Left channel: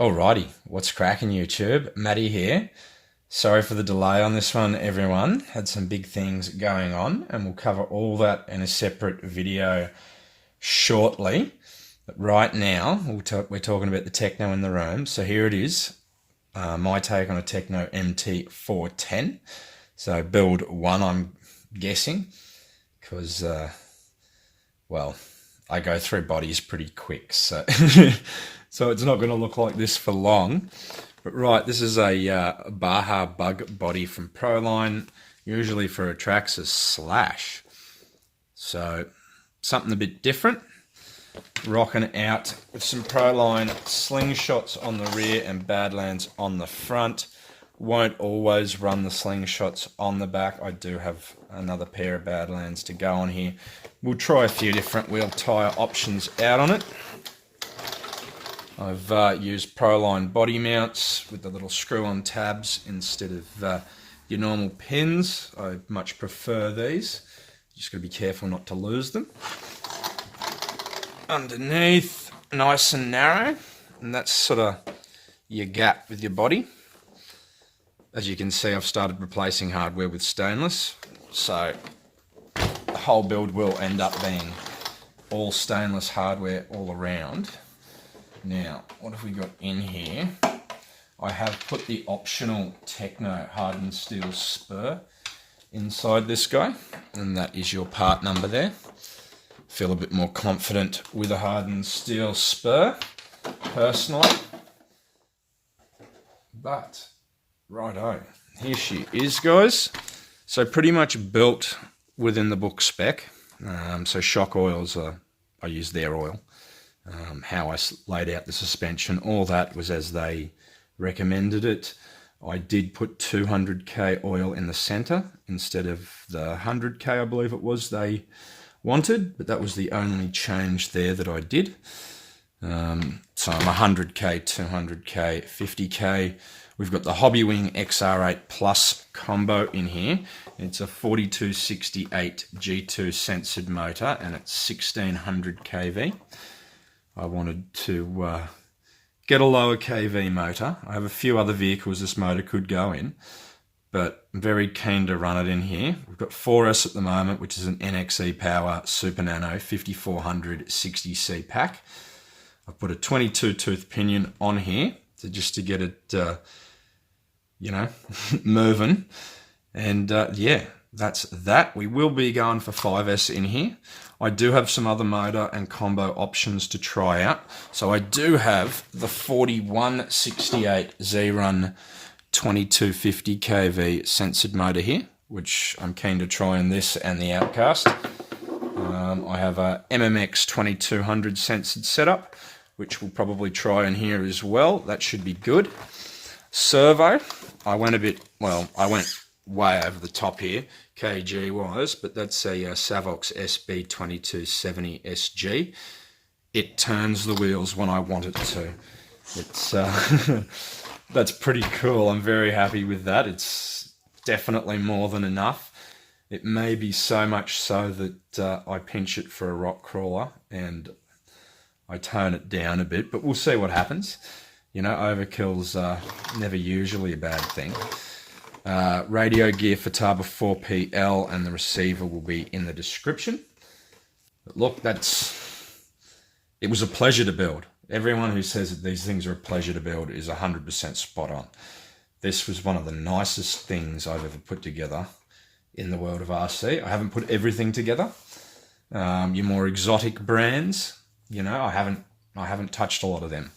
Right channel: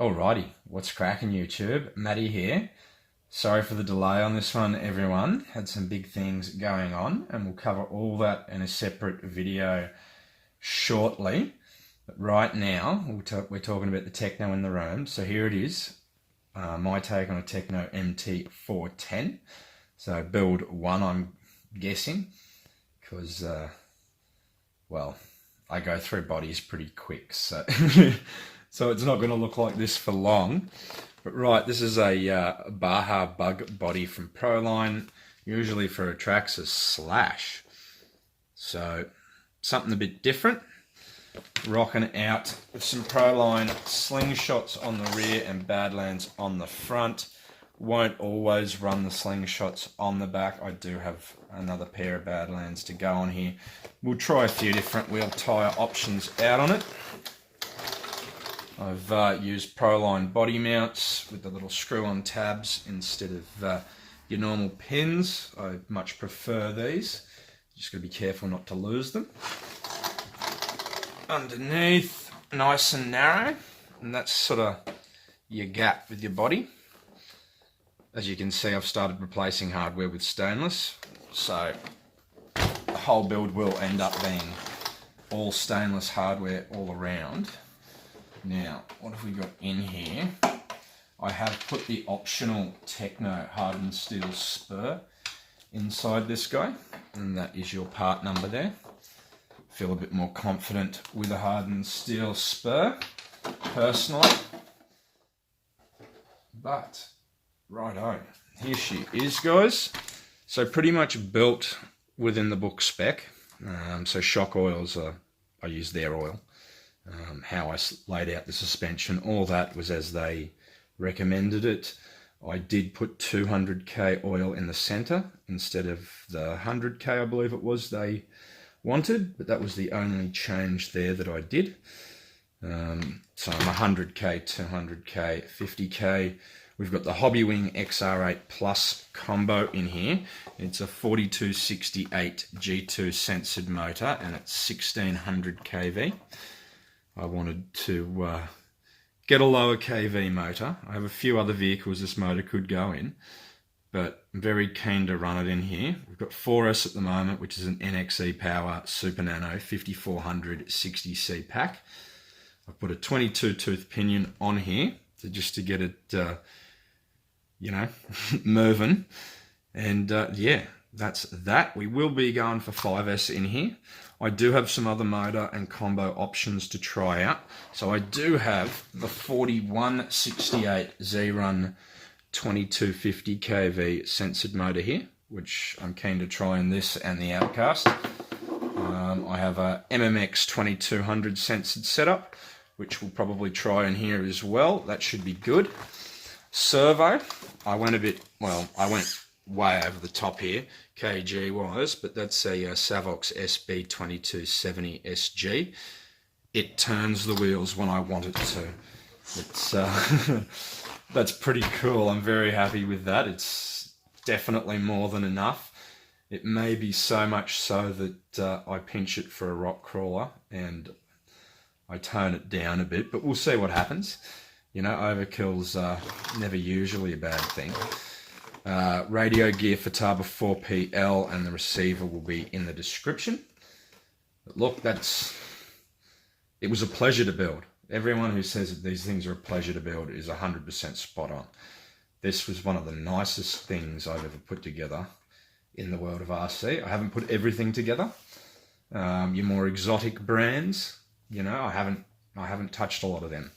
Alrighty, what's cracking YouTube? Matty here. Sorry for the delay on this one, everyone. Had some big things going on, and we'll cover all that in a separate video shortly. But right now, we're talking about the Tekno in the room. So here it is, my take on a Tekno Mt410. So build one, I'm guessing, because, well, I go through bodies pretty quick, so so it's not going to look like this for long. But right, this is a Baja Bug Body from Proline, usually for a Traxxas Slash. So something a bit different. Rocking out with some Proline Slingshots on the rear and Badlands on the front. Won't always run the Slingshots on the back. I do have another pair of Badlands to go on here. We'll try a few different wheel tyre options out on it. I've used Proline body mounts with the little screw-on tabs instead of your normal pins. I much prefer these. Just got to be careful not to lose them. Underneath, nice and narrow, and that's sort of your gap with your body. As you can see, I've started replacing hardware with stainless, so the whole build will end up being all stainless hardware all around. Now, what have we got in here? I have put the optional Tekno Hardened steel spur inside this guy, and that is your part number there. Feel a bit more confident with a hardened steel spur, personally. But, righto, here she is, guys. So pretty much built within the book spec. So shock oils, I use their oil. How I laid out the suspension, all that was as they recommended it. I did put 200k oil in the center instead of the 100k, I believe it was, they wanted, but that was the only change there that I did. So I'm 100k, 200k, 50k. We've got the Hobbywing XR8 Plus combo in here. It's a 4268 G2 censored motor, and it's 1600 kV. I wanted to get a lower kV motor. I have a few other vehicles this motor could go in, but I'm very keen to run it in here. We've got 4S at the moment, which is an NXE Power Super Nano 5400 60C pack. I've put a 22 tooth pinion on here just to get it, moving. And yeah, that's that. We will be going for 5S in here. I do have some other motor and combo options to try out. So I do have the 4168 xerun 2250 kV censored motor here, which I'm keen to try in this and the Outcast. I have a MMX 2200 censored setup, which we'll probably try in here as well. That should be good. Servo, I went way over the top here, kg wise, but that's a Savox SB2270 SG. It turns the wheels when I want it to. It's that's pretty cool. I'm very happy with that. It's definitely more than enough. It may be so much so that I pinch it for a rock crawler and I tone it down a bit, but we'll see what happens. You know, overkill's never usually a bad thing. Radio gear Futaba 4PL, and the receiver will be in the description. But look, it was a pleasure to build. Everyone who says that these things are a pleasure to build is 100% spot on. This was one of the nicest things I've ever put together in the world of RC. I haven't put everything together. Your more exotic brands, I haven't touched a lot of them.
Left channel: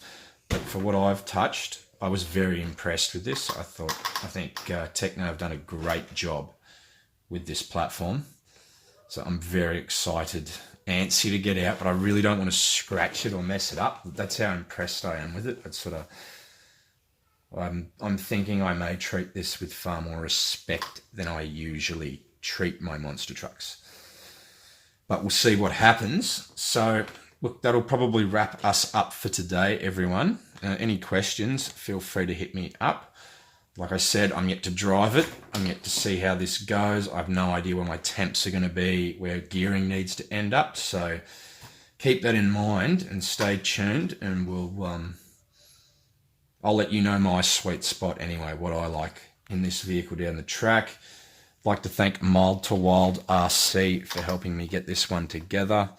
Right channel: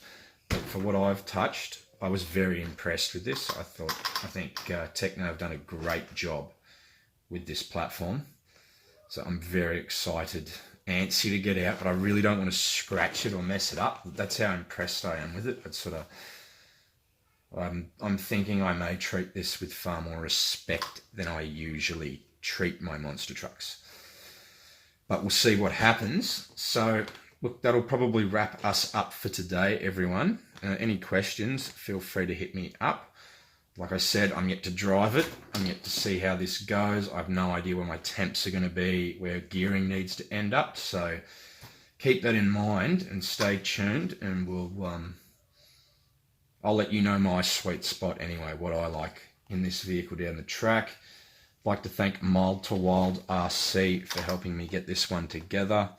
But for what I've touched, I was very impressed with this. I think Tekno have done a great job with this platform. So I'm very excited, antsy to get out, but I really don't want to scratch it or mess it up. That's how impressed I am with it. I'm thinking I may treat this with far more respect than I usually treat my monster trucks. But we'll see what happens. So look, that'll probably wrap us up for today, everyone. Any questions, feel free to hit me up. Like I said, I'm yet to drive it. I'm yet to see how this goes. I have no idea where my temps are going to be, where gearing needs to end up. So keep that in mind and stay tuned, and I'll let you know my sweet spot anyway, what I like in this vehicle down the track. I'd like to thank Mild to Wild RC for helping me get this one together.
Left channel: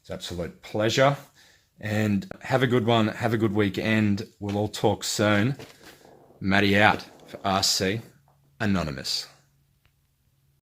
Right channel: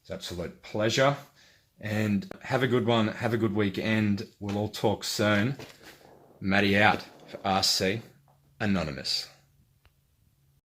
It's an absolute pleasure. And have a good one. Have a good weekend. We'll all talk soon. Matty out for RC Anonymous.